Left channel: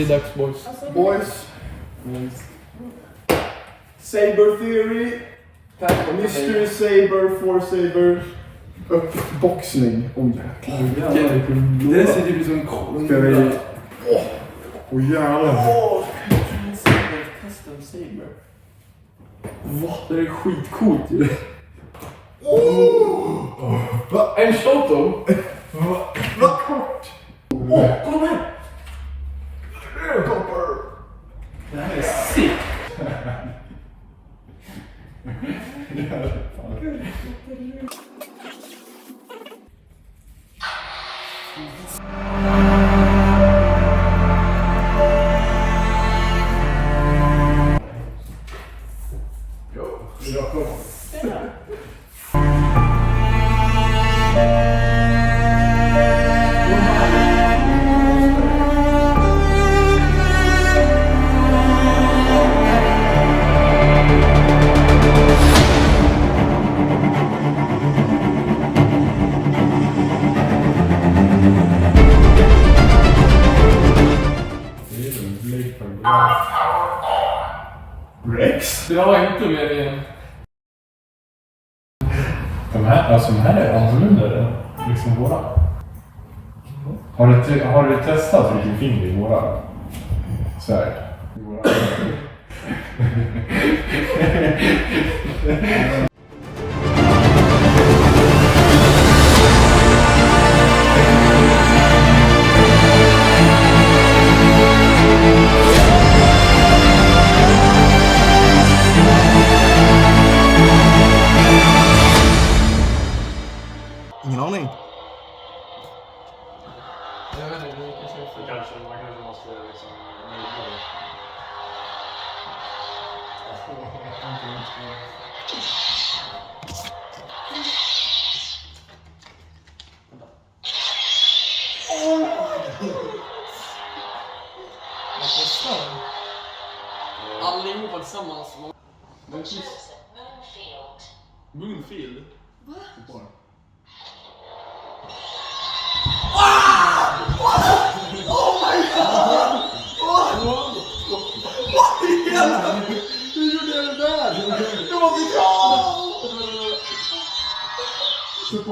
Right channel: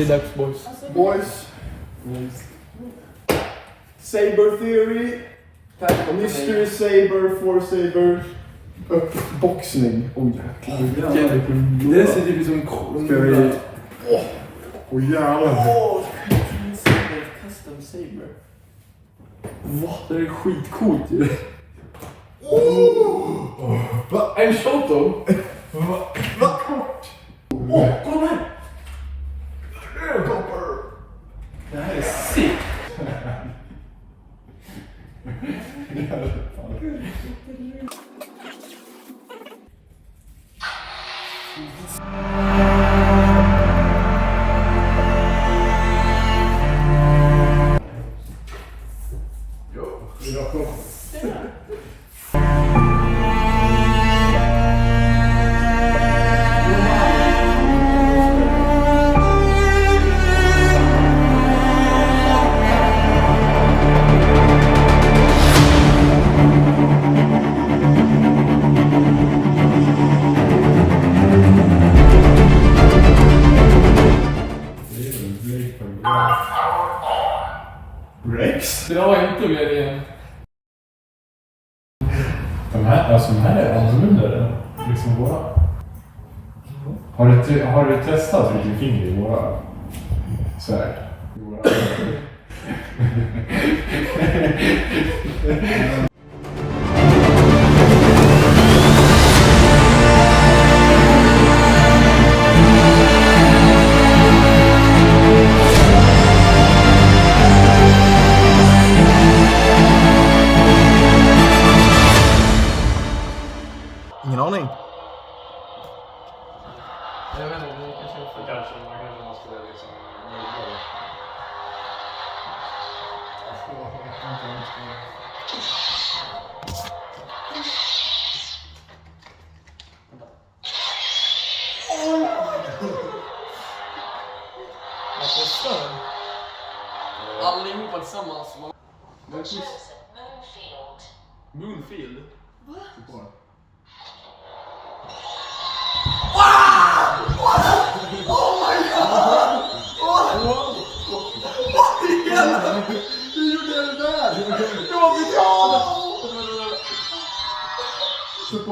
Det är dags boys. Boys. SaberTheory. Mystery Saber, For Saber. Och boxning. Oj jäklar. Det ser typ som en kolon. Ska vi... Åh jävlar. Custom Saber. Va? Det är skitcoolt ju. Va? En Shoto? Vad kort. Kolla här! Det här är sick. Rex? Jag har inte med igen. De här är annorlunda liksom våra. Har du testat vilken finger i våra? Så här. Ingen aning. Jag vet inte, det kanske är för... Man kanske måste liksom... Allihopa tillsammans. Moonfield? Va? Hur gjorde jag det där? Det var mitt hjärta! Så på.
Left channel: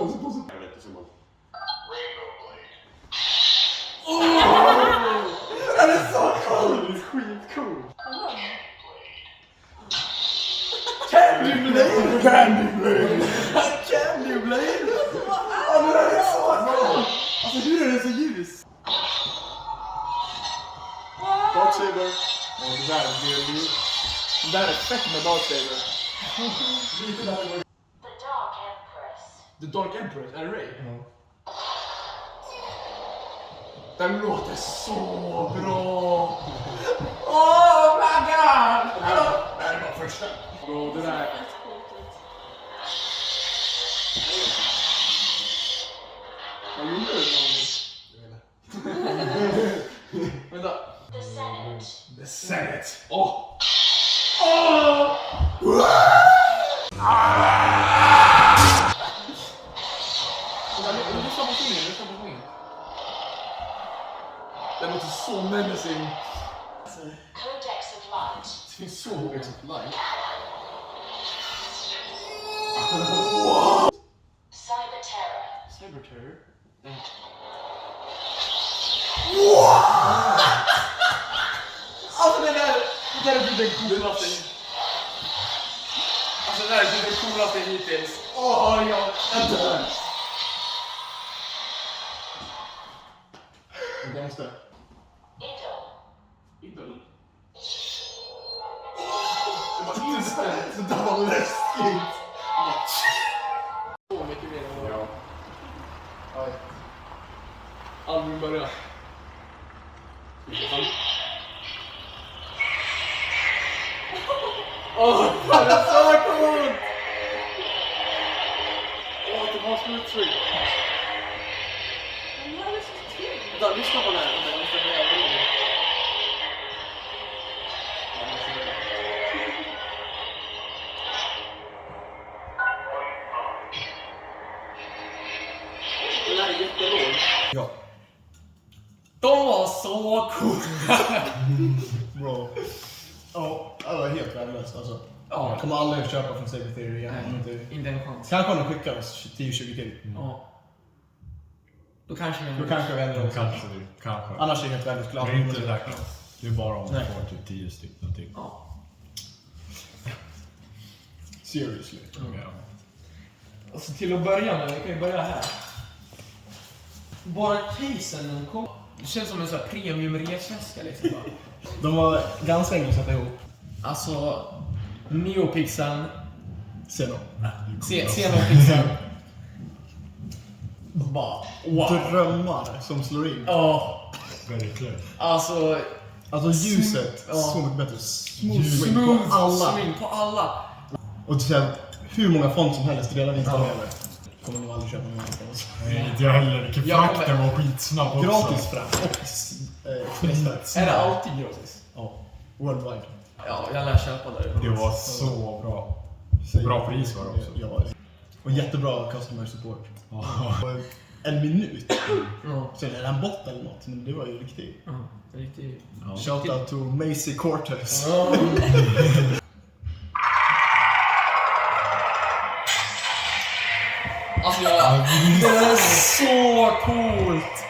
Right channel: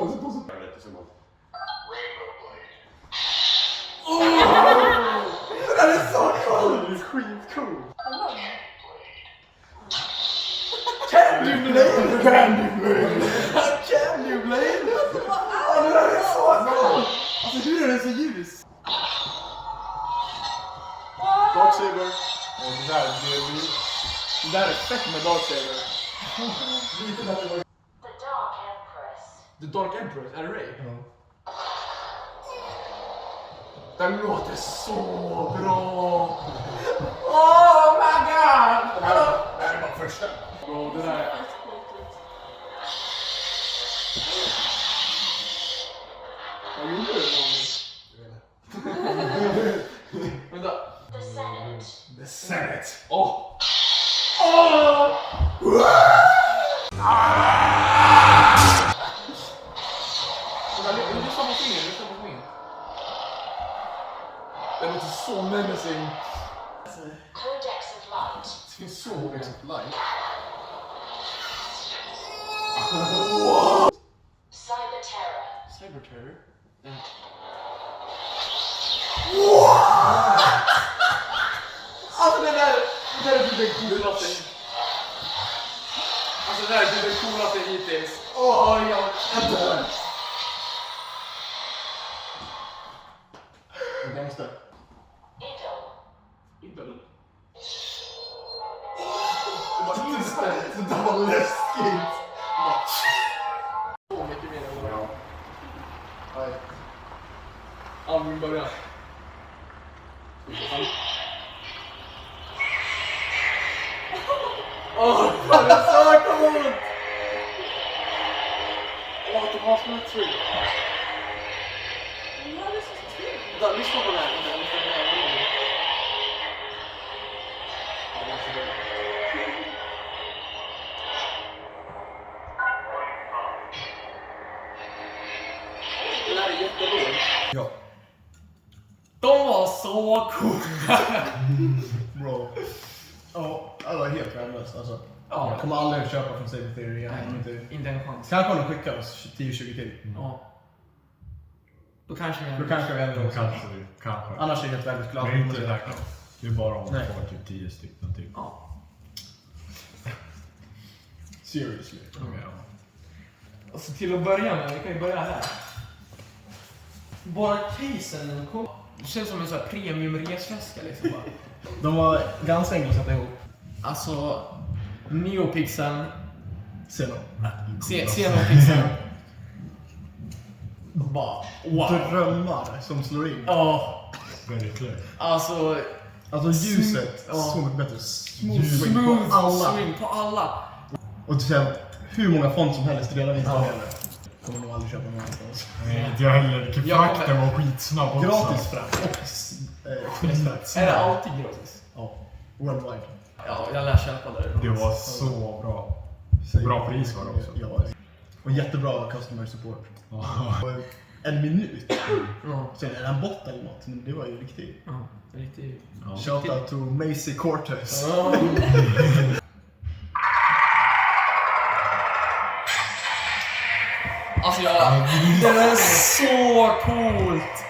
Det här är så coolt! Det är skitcool! Candy Blade! Ja, det där är så coolt! Alltså hur är det så ljus? Darksaber. Det där är fett med Lightsabers. The Dark Empress, är det Ray? Ja. Den låter så bra! Oh my god! Det här är bara första. Bro, den här... Vad gjorde du någon? Vänta. The Senate. Åh! Lyssna på fingret. Den låter så menacing. Codex of Light. Det finns så mycket light. SaberTheory? Alltså det där är typ det coolaste. Alltså det där är typ det coolaste hittills. Jag dör. En gangster. Idol. Det där var läskigt. Så mycket mer än vad jag... Nej. Album börjar. Åh, fan det är så coolt! Jag vet inte vad som är true. Vänta, lyssna på det här. Vänta, jag måste höra det. Den här är jättelåg. Ja. De var så cool. Bro. Ja, alla är helt värdelöst alltså. Ja. Jag kommer aldrig köpa från SaberTheory igen. Inte en chans. Kanske om de skickar oss 10-20 till. Ja. Då kanske Då kanske jag ändå Kanske det, kanske. annars är jag helt väldigt glad. Det är inte säkert. Det är bara om man Nej. får typ 10 stycken till. Ja. Seriously. Okej, ja. Alltså till att börja med, vi kan ju börja här. Bara casen kom. Det känns som en sån här premium resväska liksom bara. De var ganska enkla att sätta ihop. Alltså, NeoPixeln, XENOPIXEL. Bara drömmar som slår in. ja, Verkligen. alltså Alltså ljuset, Ja. så mycket bättre. Smooth swing på alla. swing på alla. Och sen hur många font som helst redan installerade. Kommer nog aldrig köpa någon annanstans. Nej, inte jag heller. Frakten var skitsnabb också. Gratis frakt och expressfrakt. Är det alltid gratis? Ja, worldwide. Ja, jag lär köpa där. Det var så bra. Bra pris var det också. Ja, och jättebra customer support. Och en minut. Sen är det en bot eller något, men det var ju riktigt. Ja, riktigt. Shoutout to Macy Cortez. Alltså det är så coolt.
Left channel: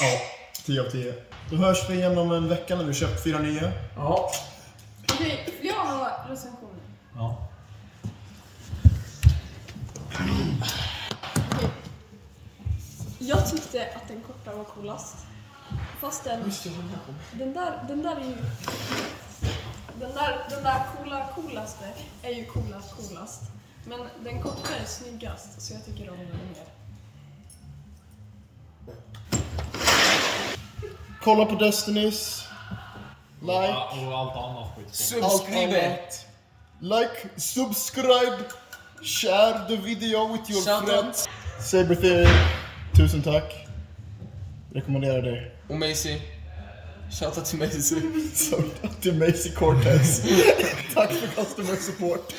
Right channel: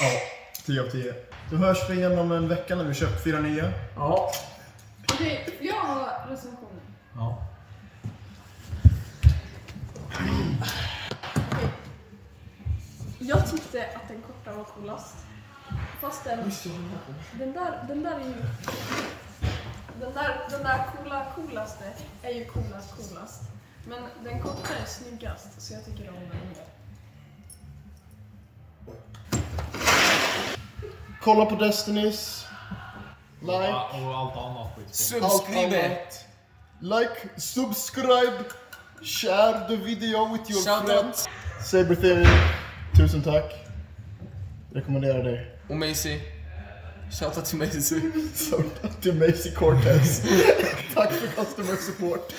Ja, 10 av 10. Då hörs vi igen om en vecka när vi köpt 4 nya. Ja. Okej, jag har recensioner. Ja. Jag tyckte att den korta var coolast. Fast den där är ju... Den där coolaste är ju coolast. Men den korta är snyggast, så jag tycker om den mer. Kolla på Destinies. Like. Och allt annat skit. Subscribe. Like, subscribe. Share the video with your Shout friends. SaberTheory. Tusen tack. Rekommenderar dig. Och Macy. Shoutout till Macy. Shoutout till Macy Cortez. Tack för customer support.